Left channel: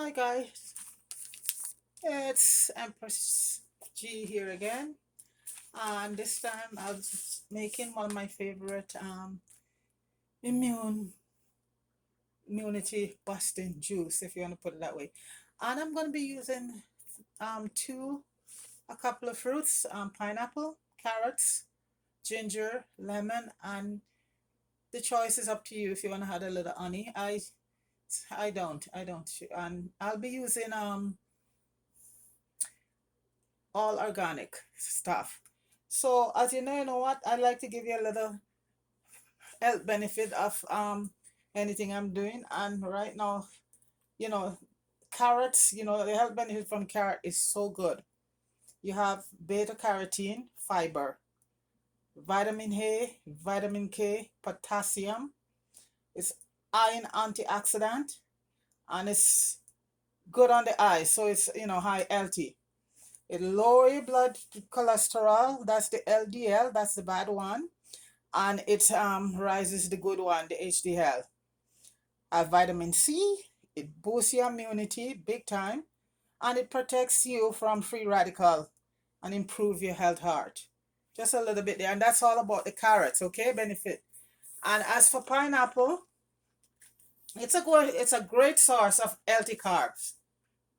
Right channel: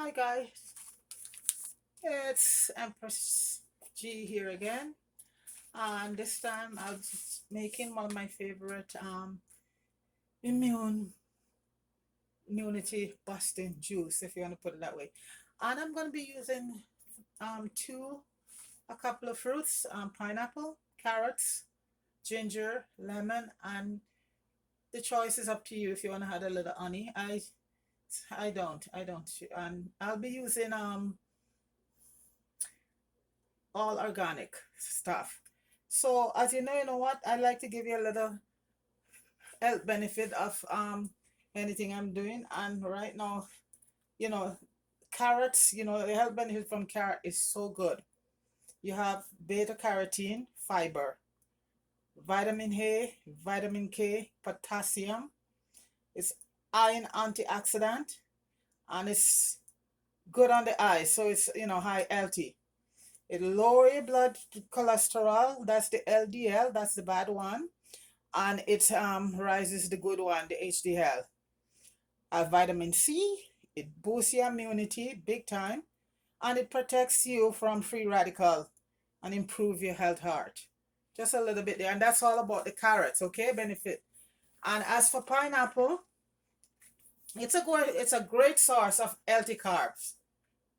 Hi guys, it's Empress G here again, and this time I was making one of my favorite immune immunity busting juice, if you want to put it that way. And I'm going to be using two a couple of fruits, pineapple, carrots, ginger, lemon, and the choice is up to you if you want to add a little honey. I don't, and I'll be using all organic stuff. So as you know what? I'd like to give you a little health benefit of anything I'm doing. And right now, you know, carrots, the health benefit from carrot is so good. You have beta carotene, fiber, vitamin A, vitamin K, potassium. It's iron antioxidant, and it's good on the eyes. So it's high healthy. It lower your blood cholesterol. That's the LDL. That's the bad one. And it rises the good one, the HDL. Vitamin C, it boosts your immunity big time, and it protects you from free radical and improve your health heart. Just a little bit there, and that's all about the carrots, okay? Benefit. And as for pineapple, it's a great source of healthy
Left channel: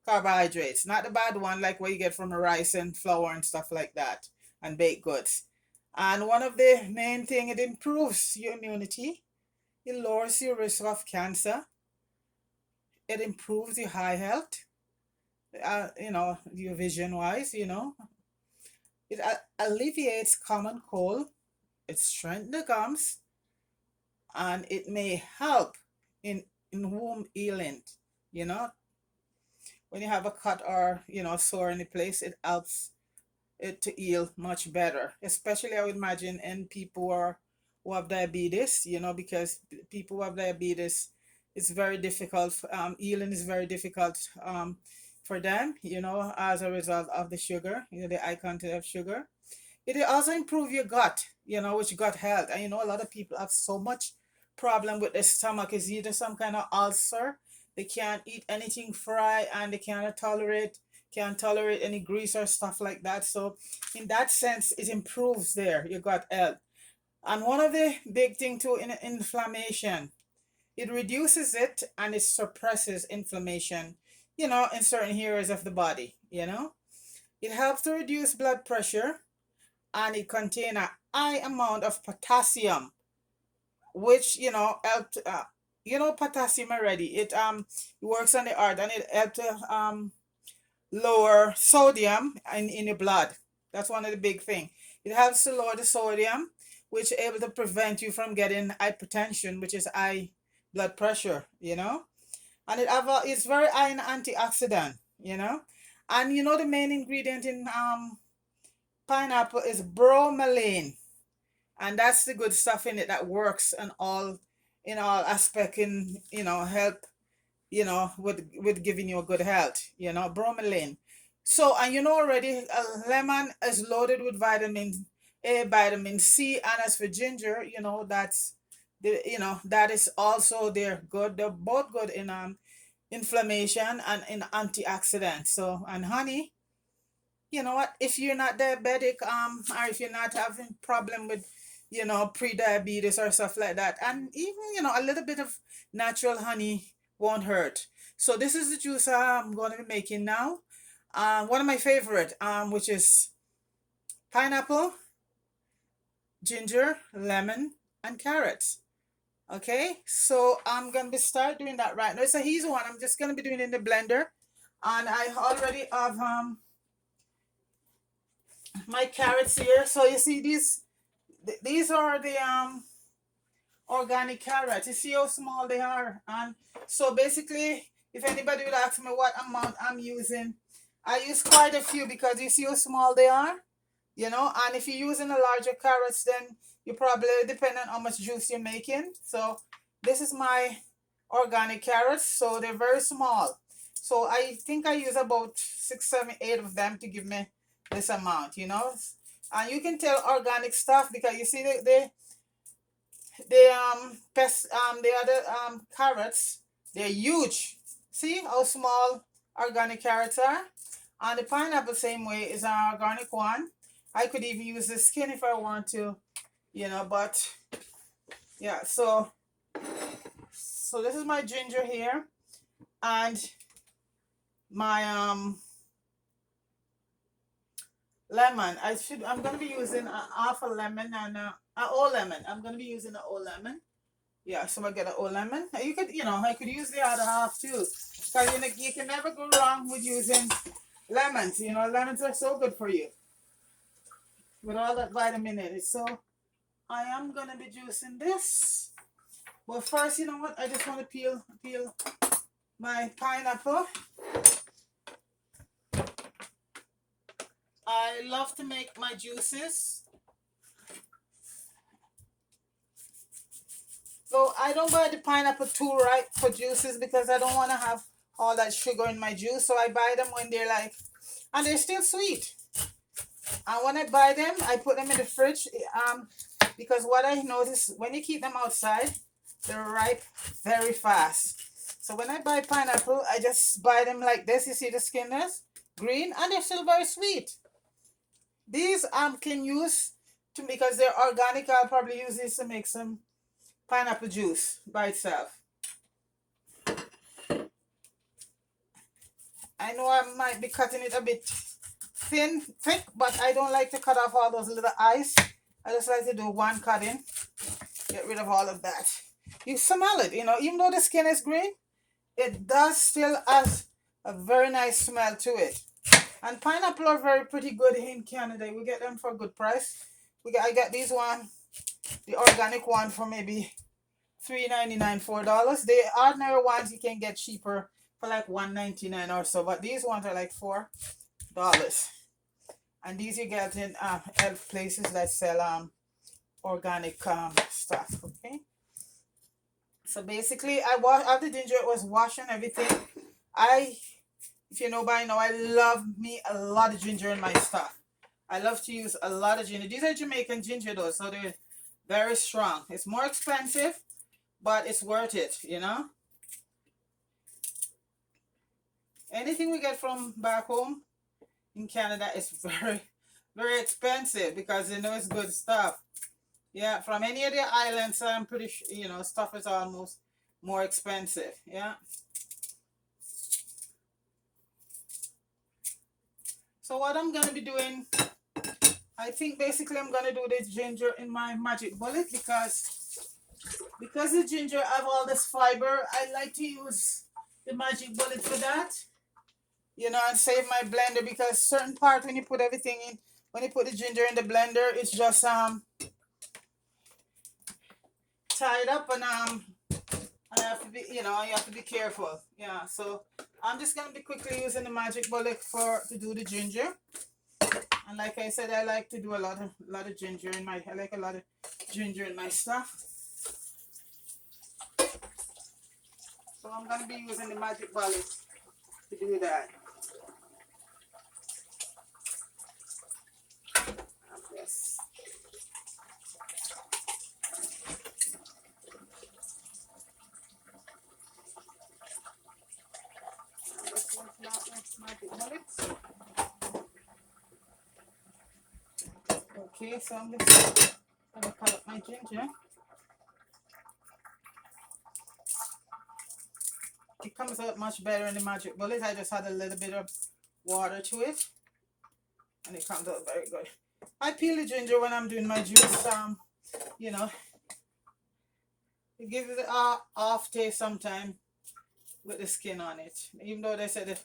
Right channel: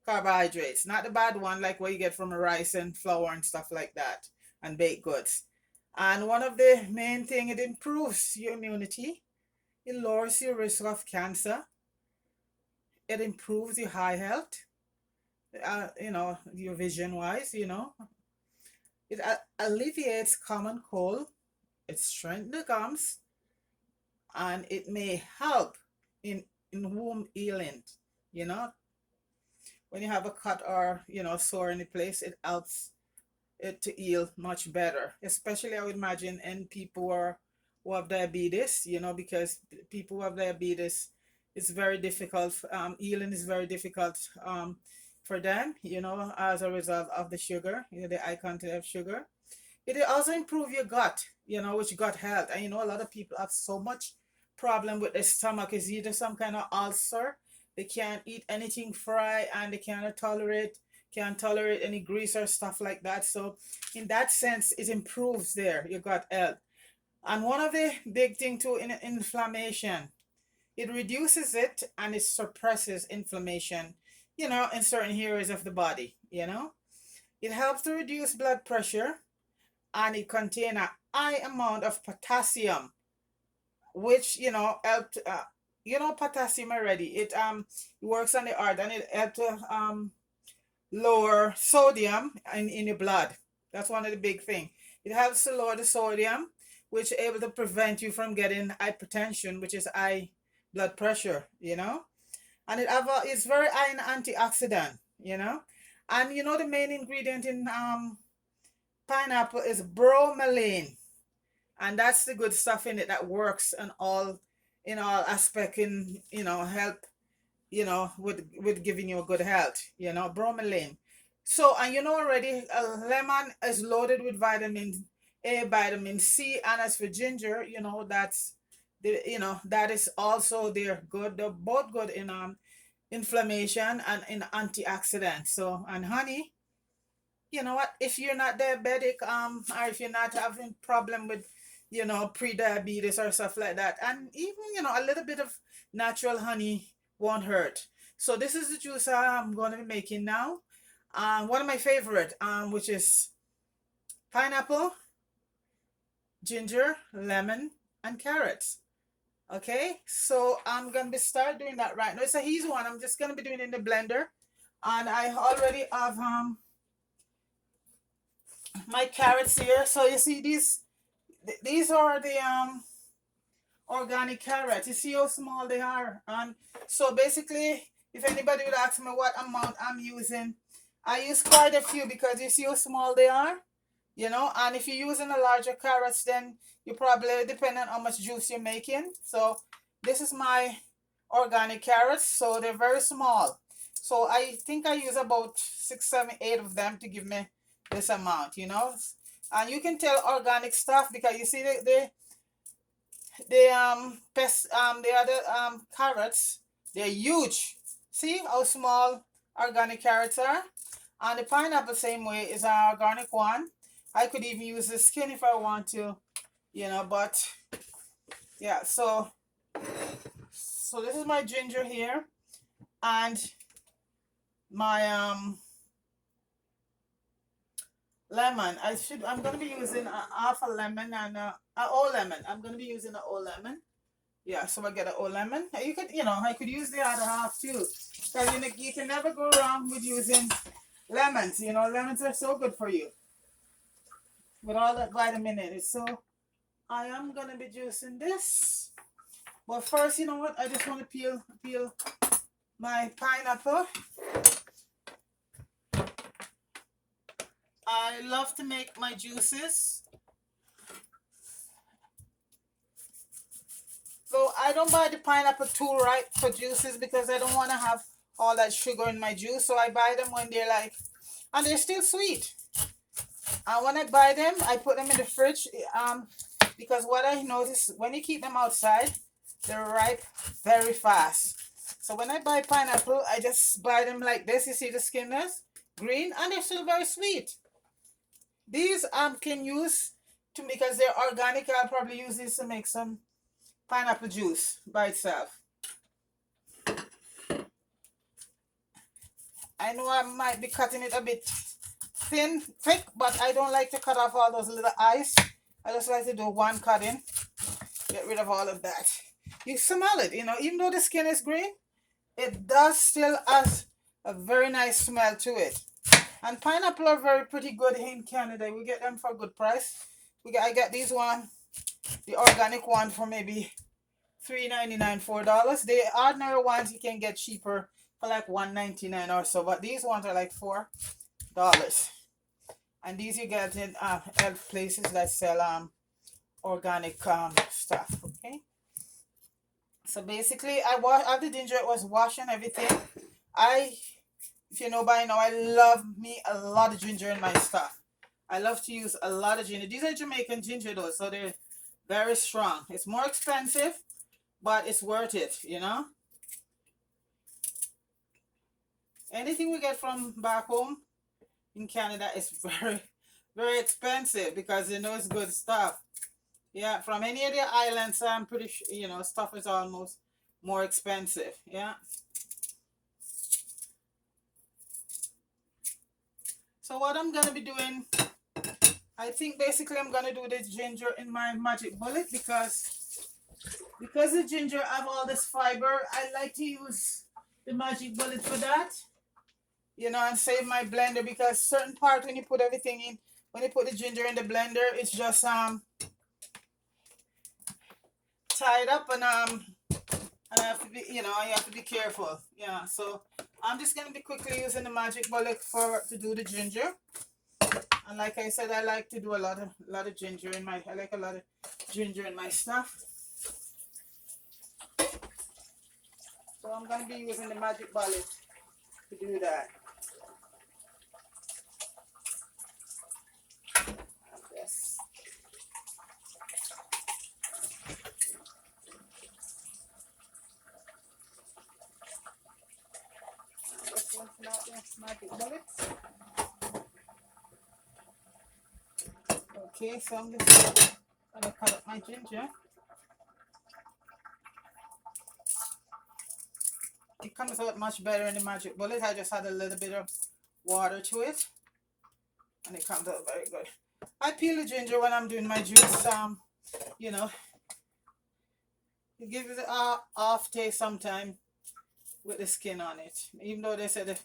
carbohydrates, not the bad one like what you get from rice and flour and stuff like that, and baked goods. And one of the main thing, it improves your immunity. It lowers your risk of cancer. It improves your eye health. Your vision wise. It alleviates common cold. It strengthens the gums, and it may help in wound healing. You know, when you have a cut or sore in the place, it helps it to heal much better. Especially, I would imagine, in people who have diabetes. Because people who have diabetes, it's very difficult. Healing is very difficult for them. As a result of the sugar. The high content of sugar. It also improve your gut. Which gut health. And a lot of people have so much problem with the stomach. Is either some kind of ulcer. They can't eat anything fried, and they can't tolerate any grease or stuff like that. So in that sense, it improves your gut health. And one of the big thing too, in inflammation, it reduces it, and it suppresses inflammation, in certain areas of the body. It helps to reduce blood pressure, and it contains a high amount of potassium, which help potassium already. It works on the heart, and it helps to lower sodium in your blood. That's one of the big thing. It helps to lower the sodium, which is able to prevent you from getting hypertension, which is high blood pressure. And it's very high in antioxidant. And the main ingredient in pineapple is bromelain, and that's the good stuff in it that works in all aspect in health, with giving you a good health, bromelain. So, and already, lemon is loaded with vitamin A, vitamin C, and as for ginger, that is also they're good. They're both good in inflammation and in antioxidants. So, and honey, you know what? If you're not diabetic, or if you're not having problem with, pre-diabetes or stuff like that, and even a little bit of natural honey won't hurt. So this is the juice I'm going to be making now. One of my favorite, which is pineapple, ginger, lemon, and carrots. Okay, so I'm gonna be start doing that right now. It's a easy one. I'm just gonna be doing it in the blender, and I already have my carrots here. So you see these are the organic carrots. You see how small they are. And so basically, if anybody would ask me what amount I'm using, I use quite a few, because you see how small they are. And if you're using a larger carrots, then you probably depend on how much juice you're making. So this is my organic carrots. So they're very small. So I think I use about 6, 7, 8 of them to give me this amount. And you can tell organic stuff, because you see the other carrots, they're huge. See how small organic carrots are? And the pineapple, same way, is an organic one. I could even use the skin if I want to, but yeah, so this is my ginger here, and my lemon. I'm gonna be using a half a lemon and a whole lemon. I'm gonna be using a whole lemon. Yeah, so I get a whole lemon. You could, I could use the other half too. Because you can never go wrong with using lemons. Lemons are so good for you with all that vitamin in it. So I am gonna be juicing this. But first, you know what? I just want to peel my pineapple. I love to make my juices. So I don't buy the pineapple too ripe for juices because I don't want to have all that sugar in my juice. So I buy them when they're like, and they're still sweet. And when I buy them, I put them in the fridge. Because what I notice, when you keep them outside, they're ripe very fast. So when I buy pineapple, I just buy them like this. You see the skin is green, and they're still very sweet. These can use to, because they're organic. I'll probably use these to make some pineapple juice by itself. I know I might be cutting it a bit thick, but I don't like to cut off all those little eyes. I just like to do one cutting, get rid of all of that. You smell it, even though the skin is green, it does still has a very nice smell to it. And pineapple are very pretty good in Canada. We get them for a good price. I get these one, the organic one, for maybe $3.99, $4. The ordinary ones you can get cheaper for like $1.99 or so, but these ones are like $4. And these you get in health places that sell organic stuff. Okay, so basically I wash the ginger. It was washing everything. If you know by now, I love me a lot of ginger in my stuff. I love to use a lot of ginger. These are Jamaican ginger though, so they're very strong. It's more expensive, but it's worth it, Anything we get from back home in Canada is very, very expensive because it's good stuff. Yeah, from any of the islands, I'm pretty sure, stuff is almost more expensive. Yeah. So what I'm going to be doing, I think basically I'm going to do the ginger in my magic bullet because the ginger have all this fiber. I like to use the magic bullet for that. And save my blender because certain part when you put everything in, when you put the ginger in the blender, it's just tied up and I have to be, you have to be careful. Yeah, so I'm just gonna be quickly using the magic bullet to do the ginger. And like I said, I like to do a lot of ginger in my. I like a lot of ginger in my stuff. So I'm gonna be using the magic bullet to do that. Yes. Magic bullets. Okay, so I'm just gonna cut up my ginger. It comes out much better in the magic bullet. I just add a little bit of water to it, and it comes out very good. I peel the ginger when I'm doing my juice. It gives it an off taste sometimes with the skin on it. Even though they said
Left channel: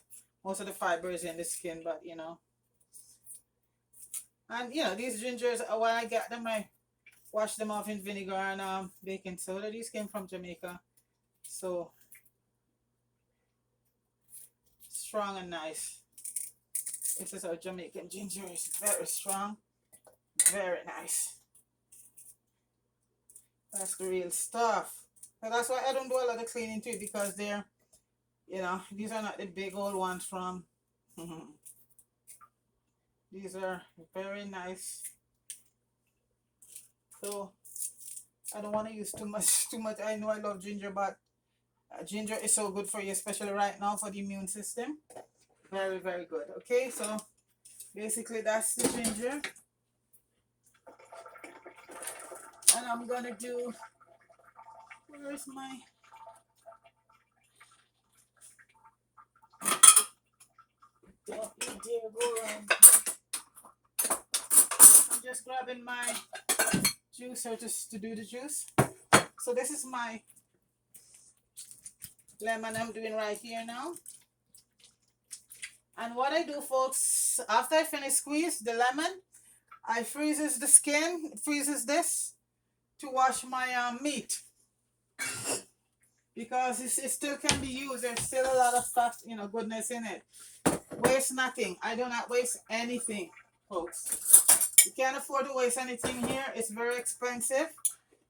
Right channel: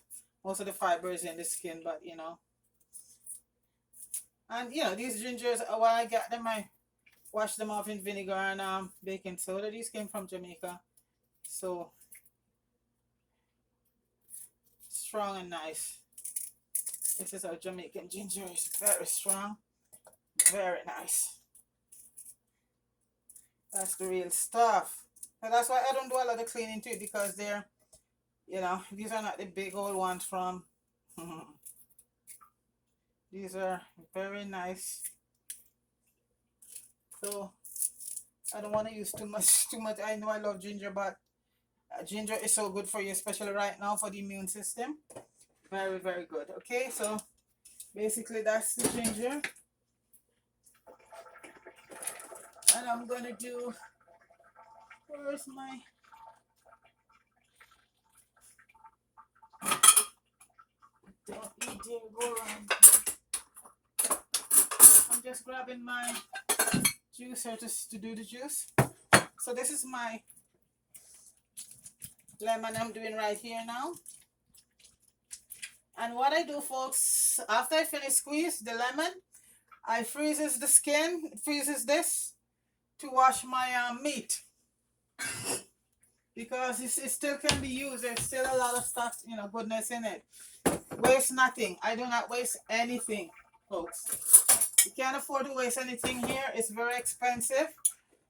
most of the fiber is in the skin, but And these gingers, when I get them, I wash them off in vinegar and baking soda. These came from Jamaica, so strong and nice. This is our Jamaican ginger. It's very strong, very nice. That's the real stuff. So that's why I don't do a lot of cleaning to it because they're, these are not the big old ones from. These are very nice. So I don't want to use too much. I know I love ginger, but Ginger is so good for you, especially right now for the immune system. Very, very good. Okay, so basically that's the ginger. And I'm gonna do, where is my, don't eat dear, go around. I'm just grabbing my juicer just to do the juice. So this is my lemon I'm doing right here now. And what I do, folks, after I finish squeeze the lemon, I freezes the skin, freezes this to wash my meat, because it still can be used. There's still a lot of stuff, you know, goodness in it. Waste nothing. I do not waste anything, folks. You can't afford to waste anything here. It's very expensive.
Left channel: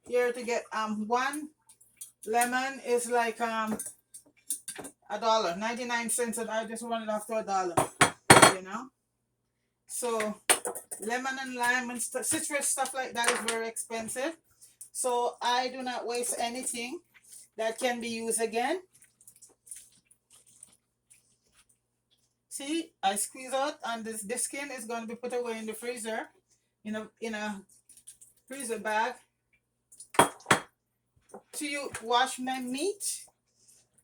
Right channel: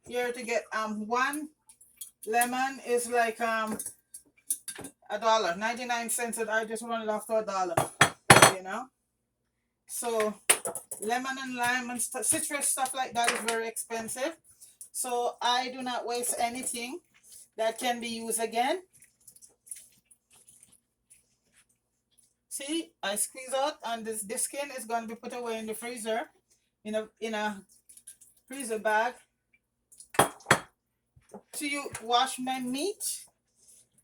Here to get one lemon is like $1, 99 cents, and I just run it off to $1, you know. So lemon and lime and citrus stuff like that is very expensive. So I do not waste anything that can be used again. See, I squeeze out, and this skin is going to be put away in the freezer, in a freezer bag, to wash my meat,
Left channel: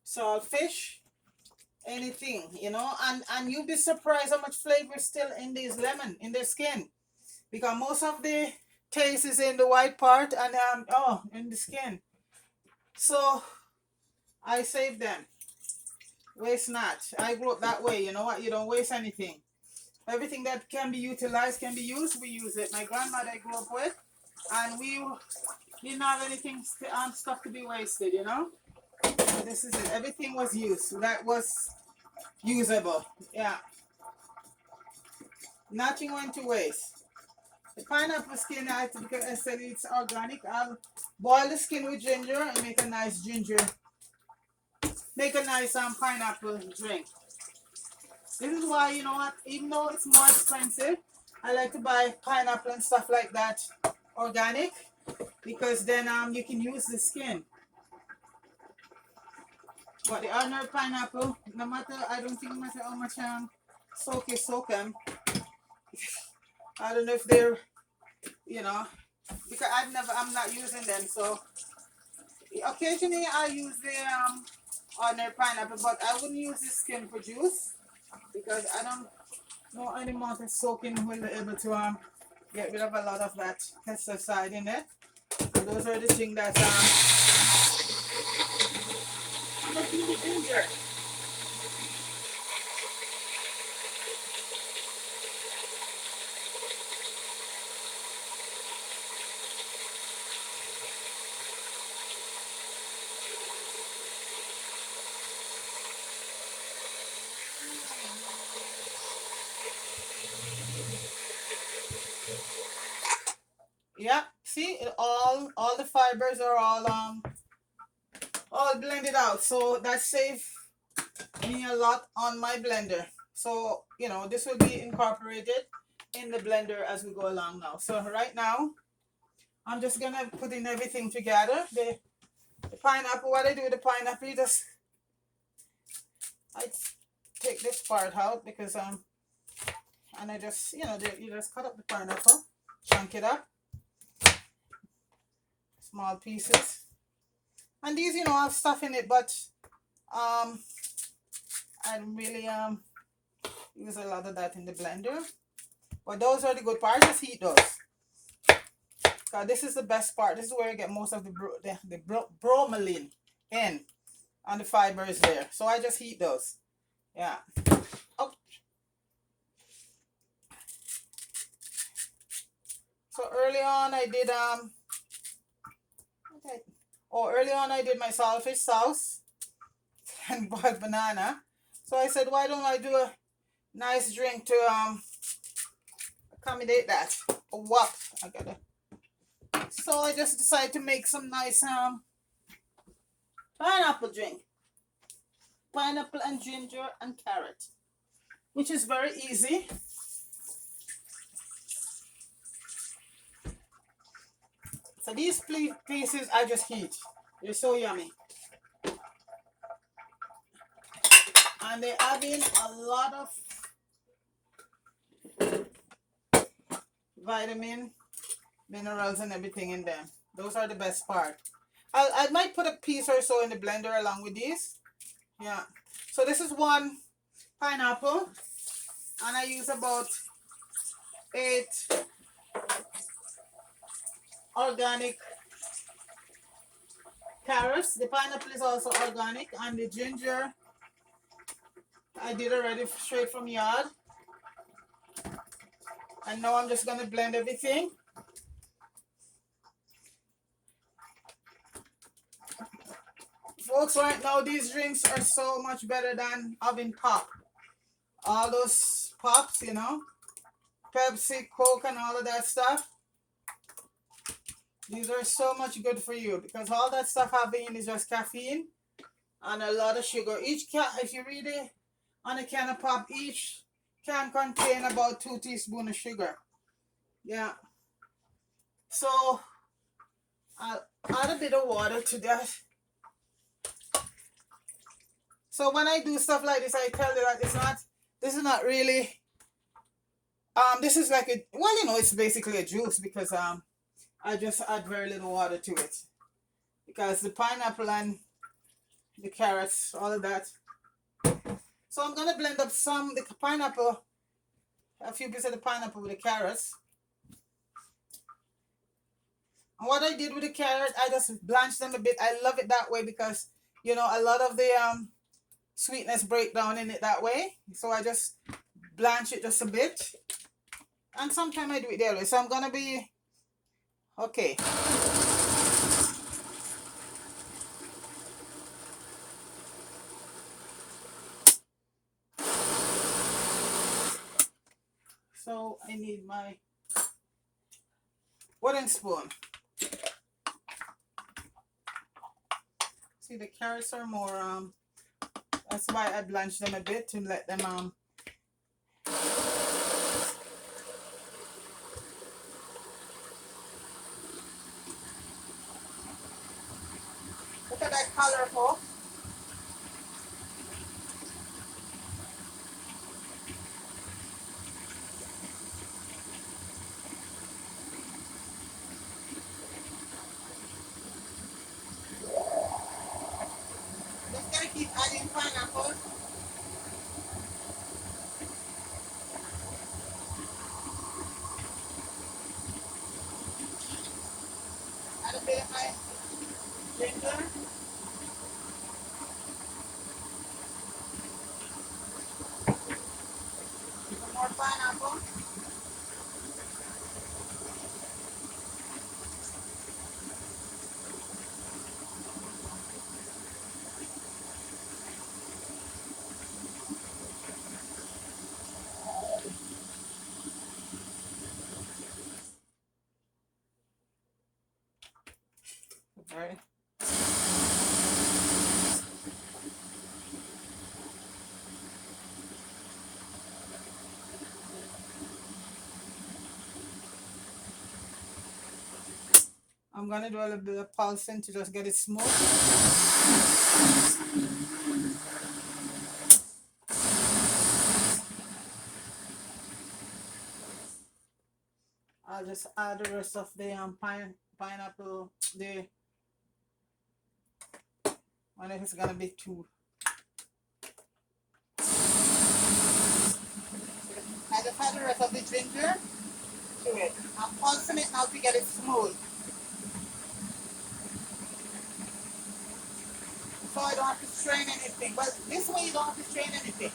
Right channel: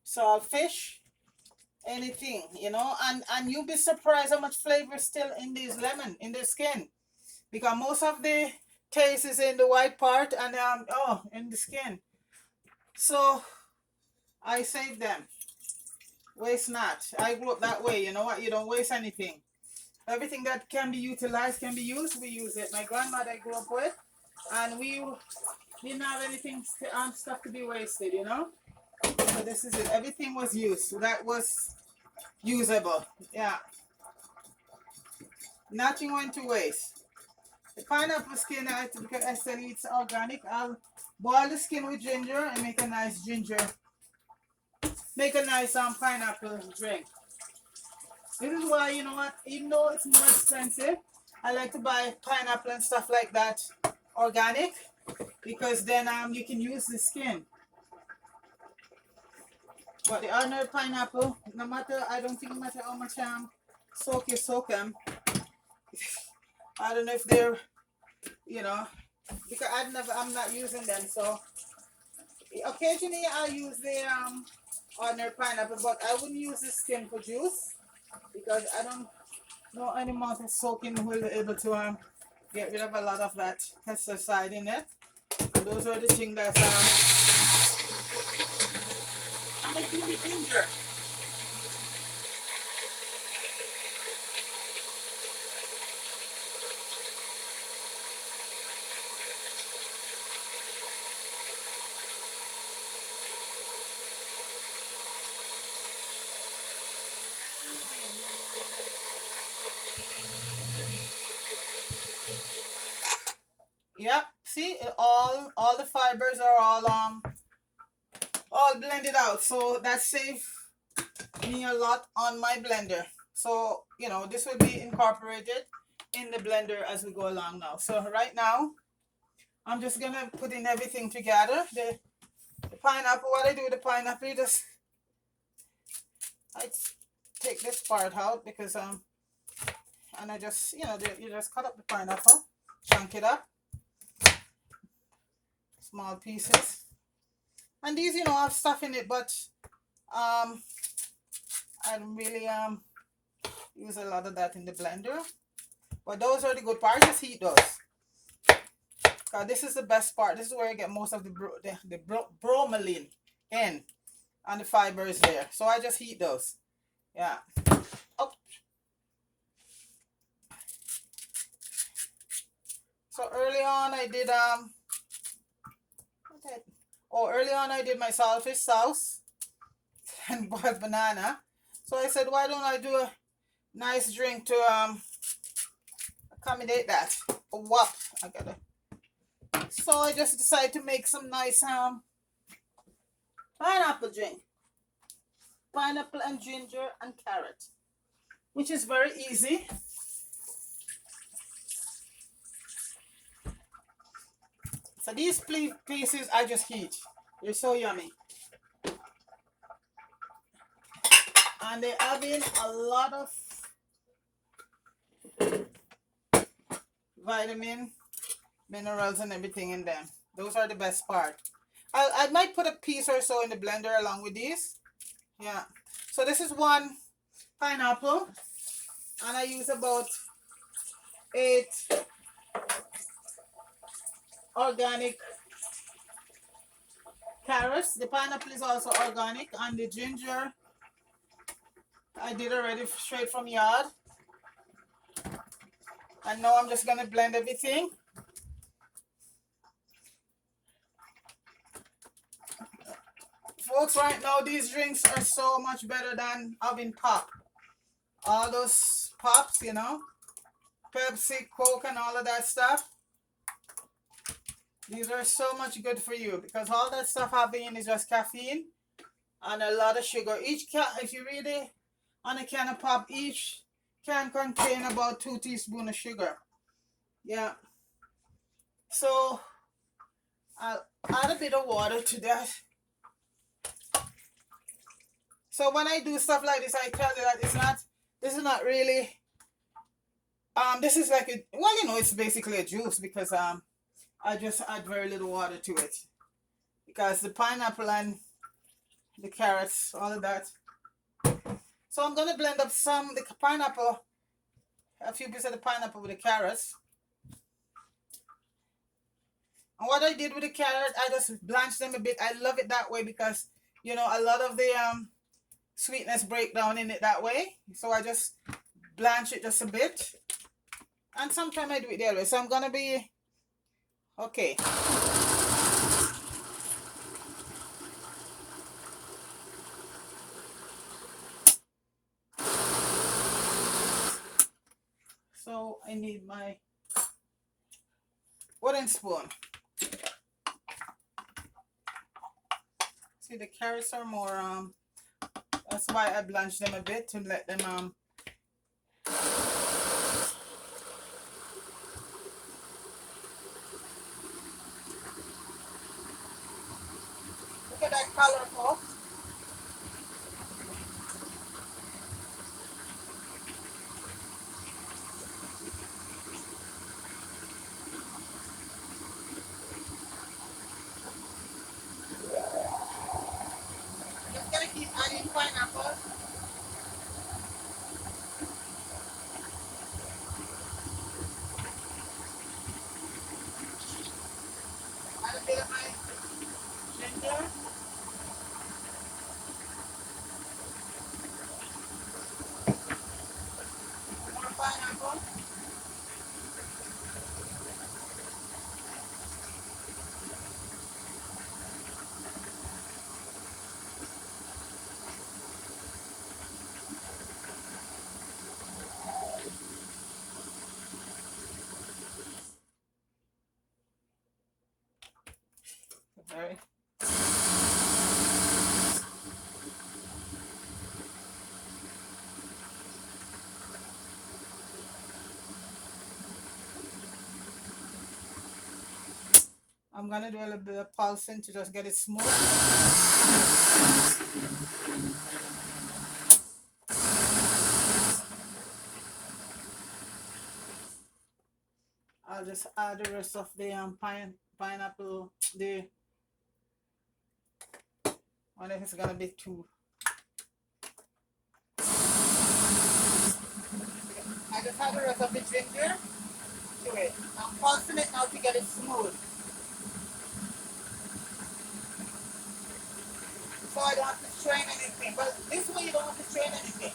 salt, fish, anything, you know. And you'll be surprised how much flavor is still in this lemon, in the skin, because most of the taste is in the white part and in the skin. So I save them. Waste not. I grew up that way. You know what? You don't waste anything. Everything that can be utilized, can be used, we use it. My grandmother I grew up with, and we didn't have anything stuff to be wasted, you know. But this is it. Everything was used. That was usable. Yeah. Nothing went to waste. The pineapple skin, because I said it's organic, I'll boil the skin with ginger and make a nice pineapple drink. This is why, you know what, even though it's more expensive, I like to buy pineapple and stuff like that organic, because then you can use the skin. But the ordinary pineapple, no matter how much soak them, I don't know if they're, you know, because I'm not using them. So occasionally I use the ordinary pineapple, but I wouldn't use the skin for juice, because I don't know any amount of soaking will be able to get rid of a lot of that pesticide in it. And those are the things that I'm gonna do the ginger. Yeah, see, all the fibers are all blended out, so that saved me a lot on my blender. So, you know, this will be incorporated in the blender as we go along now. So right now, I'm just gonna put in everything together. The pineapple, what I do with the pineapple, I take this part out, because and I just, you know, you just cut up the pineapple, chunk it up, small pieces. And these, you know, have stuff in it, but I don't really use a lot of that in the blender. But those are the good parts. Just heat those. Because this is the best part. This is where you get most of the bromelain in, and the fibers there. So I just heat those. Yeah. Oh. So early on I did early on I did my saltfish sauce and boiled banana. So I said, why don't I do a nice drink to accommodate that? Oh, what? I gotta. So I just decided to make some nice pineapple drink. Pineapple and ginger and carrot, which is very easy. So these pieces I just heat. They're so yummy. And they add in a lot of vitamin, minerals, and everything in them. Those are the best part. I might put a piece or so in the blender along with these. Yeah. So this is one pineapple, and I use about 8 organic carrots. The pineapple is also organic, and the ginger I did already straight from yard. And now I'm just gonna blend everything. Folks, right now these drinks are so much better than having pop. All those pops, you know, Pepsi, Coke, and all of that stuff. These are so much good for you because all that stuff having is just caffeine and a lot of sugar. Each can, if you read it on a can of pop, each can contain about 2 teaspoons of sugar. Yeah. So I'll add a bit of water to that. So when I do stuff like this, I tell you that this is not really, this is like a, well, you know, it's basically a juice because I just add very little water to it because the pineapple and the carrots, all of that. So I'm gonna blend up the pineapple, a few pieces of the pineapple with the carrots. And what I did with the carrot, I just blanched them a bit. I love it that way because, you know, a lot of the sweetness break down in it that way. So I just blanch it just a bit. And sometimes I do it the other way. So I'm gonna be okay. So I need my wooden spoon. See, the carrots are more that's why I blanch them a bit to let them look at that color, folks. Just gonna keep adding pineapple. Add a bit of my ginger. Some more pineapple. Alright. I'm gonna do a little bit of pulsing to just get it smooth. I'll just add the rest of the pineapple. The I wonder if it's gonna be too. I just add the rest of the ginger to it. I'm pulsing it now to get it smooth. So I don't have to strain anything. But this way you don't have to strain anything.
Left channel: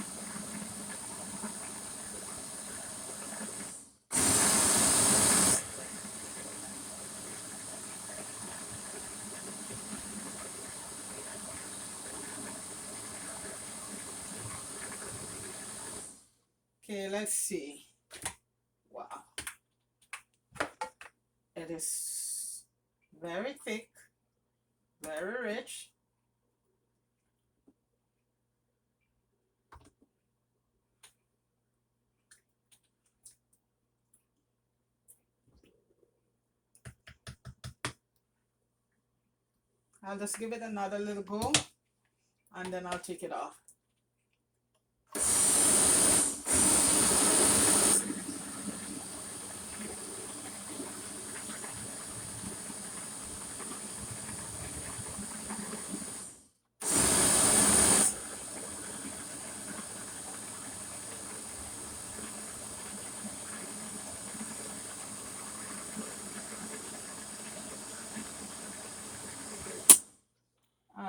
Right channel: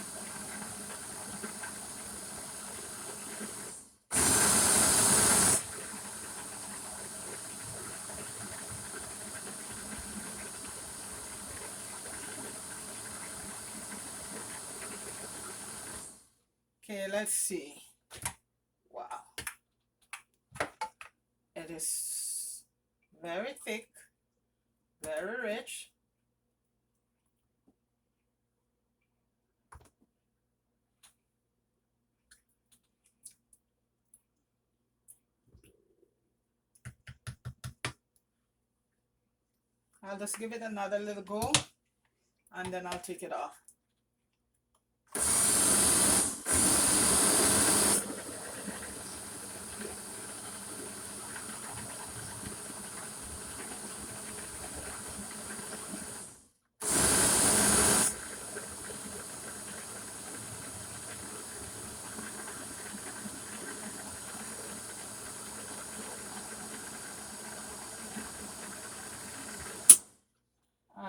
Okay, let's see. Wow. It is very thick, very rich. I'll just give it another little go and then I'll take it off.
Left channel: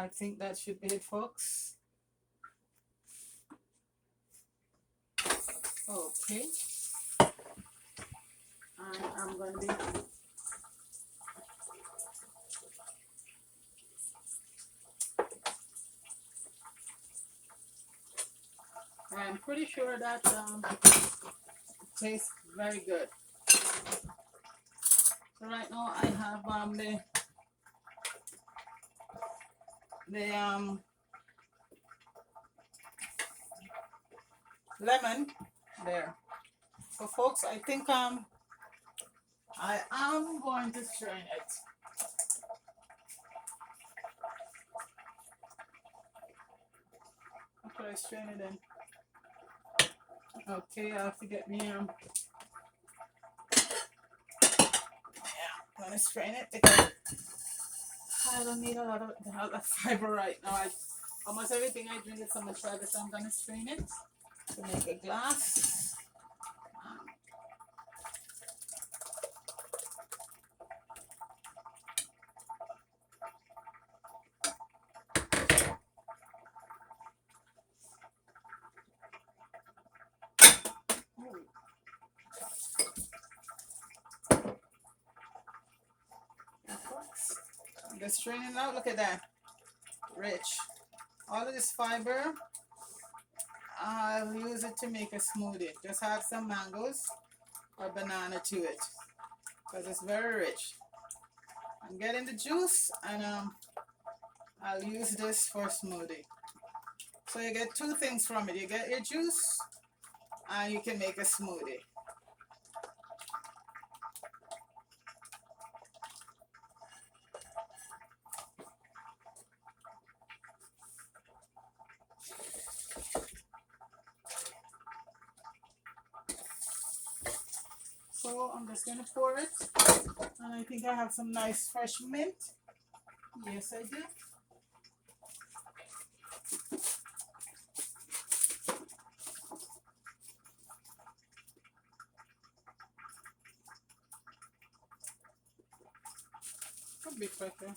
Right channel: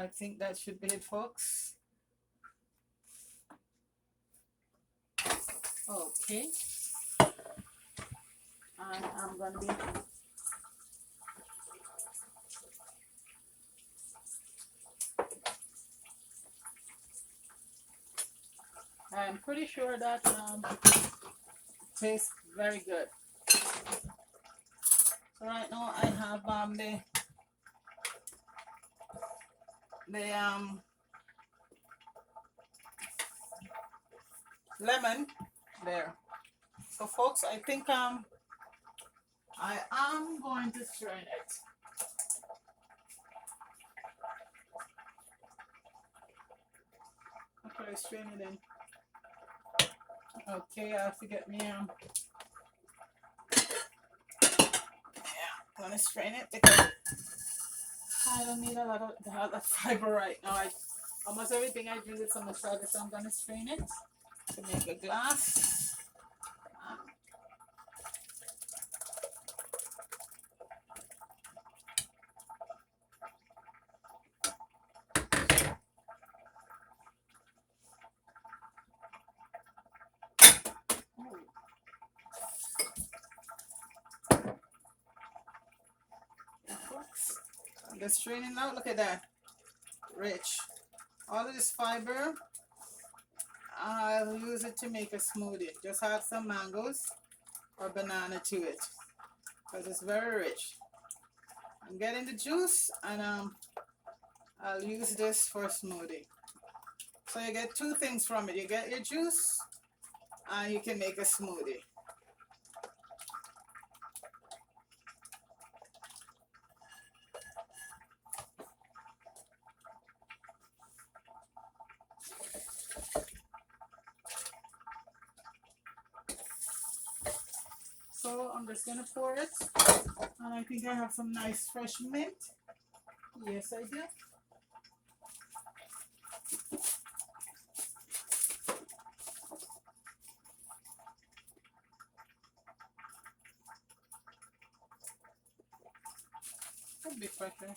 I think that should be it, folks. Okay. And I'm going to be I'm pretty sure that tastes very good. So right now I have the lemon there. So folks, I think I am going to strain it. Okay, strain it in. Okay, I have to get me yeah, I'm gonna strain it because I don't need a lot of fiber right now. Almost everything I drink is from the sugar, so I'm gonna strain it to make a glass. I'm just straining out. Look at that, rich. All of this fiber, I'll use it to make a smoothie. Just add some mangoes or banana to it because it's very rich. I'm getting the juice and I'll use this for a smoothie. So you get two things from it. You get your juice and you can make a smoothie. So I'm just gonna pour it, and I think I have some nice fresh mint. Yes, I do. A bit fresher.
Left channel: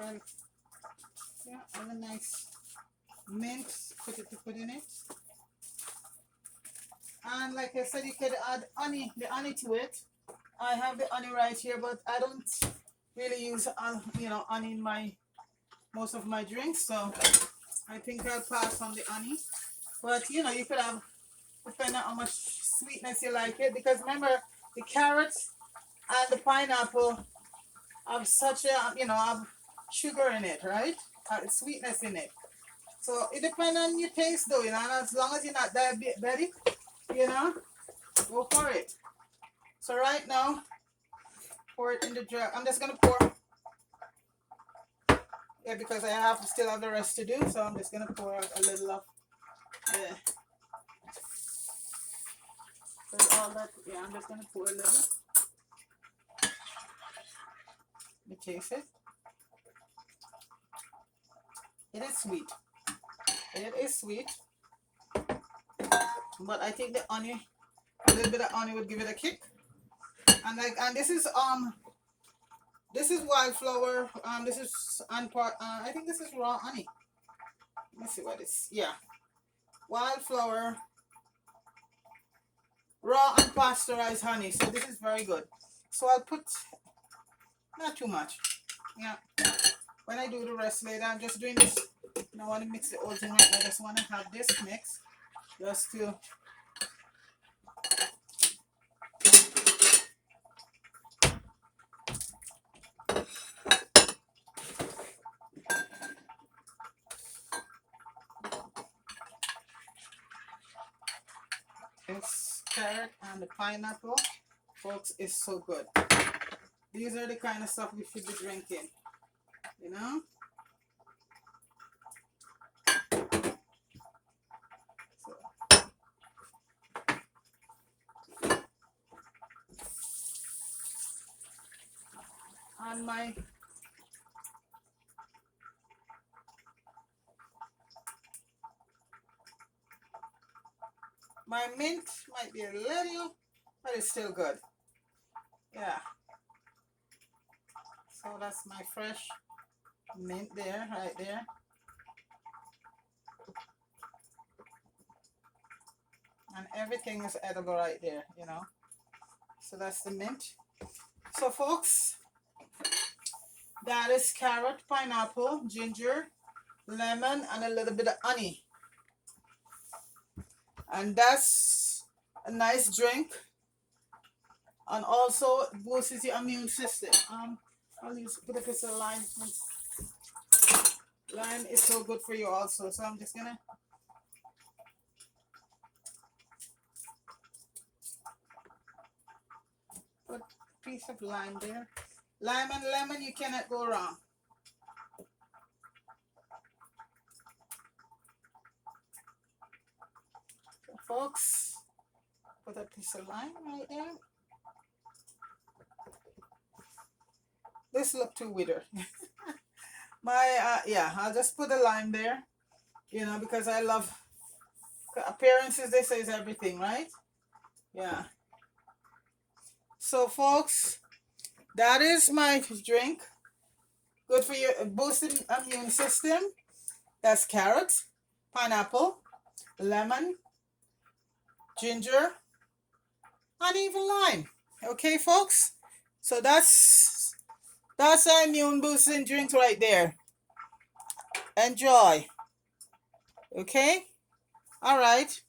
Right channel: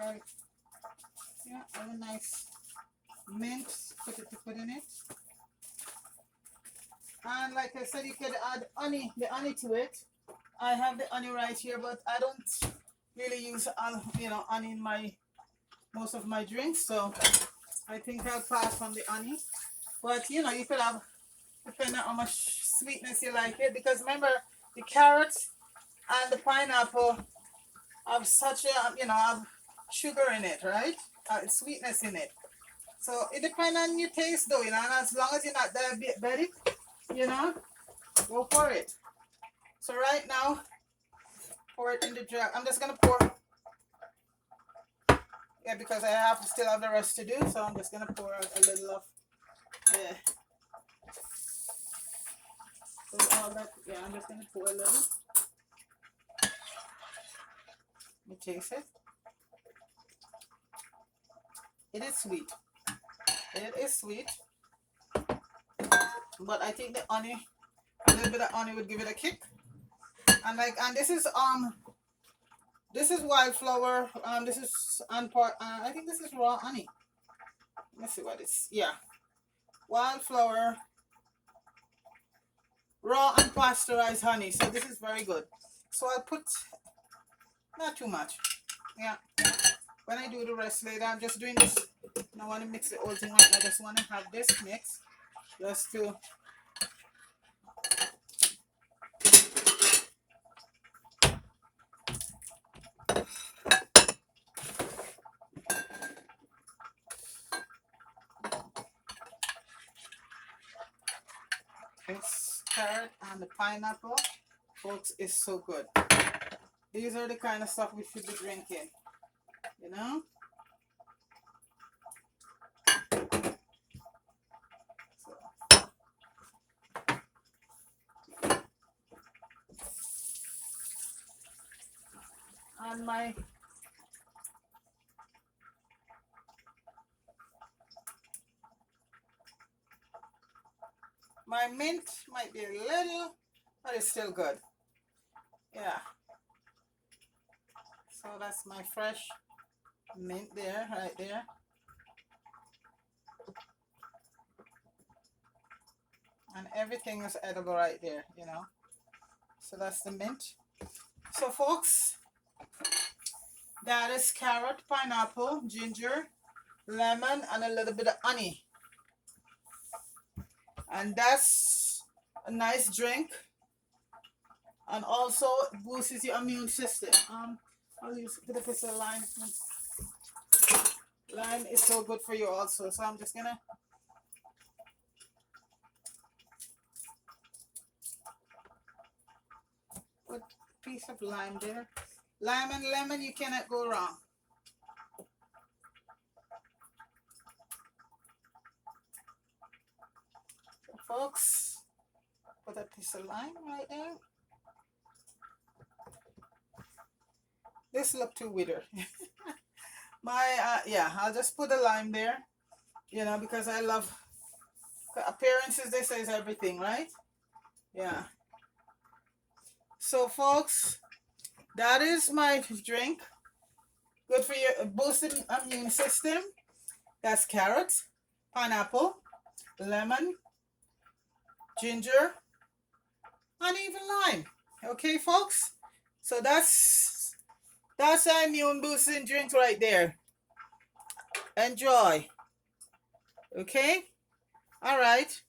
Okay. Yeah, have a nice mint. Put in it. And like I said, you could add honey, the honey to it. I have the honey right here, but I don't really use honey in most of my drinks, so I think I'll pass on the honey. But you could have, depending on how much sweetness you like it, because remember the carrots and the pineapple have such have sugar in it, right? Sweetness in it. So it depends on your taste though, and as long as you're not diabetic, go for it. So right now, pour it in the jar. I'm just gonna pour, yeah, because I still have the rest to do. So I'm just gonna pour out a little of the. So all that, yeah, I'm just gonna pour a little. Let me taste it. It is sweet. It is sweet, but I think the honey, a little bit of honey would give it a kick. And this is wildflower. This is I think this is raw honey. Let's see what it's. Yeah, wildflower, raw unpasteurized honey. So this is very good. So I'll put not too much. Yeah. When I do the rest later, I'm just doing this. I don't want to mix the whole thing right now. I just want to have this mix just to. This carrot and the pineapple, folks, is so good. These are the kind of stuff we should be drinking, And my mint might be a little, but it's still good. Yeah. So that's my fresh mint there, right there. And everything is edible right there, you know. So that's the mint. So folks, that is carrot, pineapple, ginger, lemon, and a little bit of honey. And that's a nice drink. And also boosts your immune system. I'll use a bit of lime. Lime is so good for you also. So I'm just gonna put a piece of lime there. Lime and lemon, you cannot go wrong. So folks, put a piece of lime right there. This look too withered. Yeah, I'll just put the lime there, you know, because I love appearances. They say is everything, right? Yeah. So folks, that is my drink. Good for your boosting immune system. That's carrot, pineapple, lemon, ginger, and even lime. Okay, folks. So that's our immune boosting drink right there. Enjoy. Okay. All right.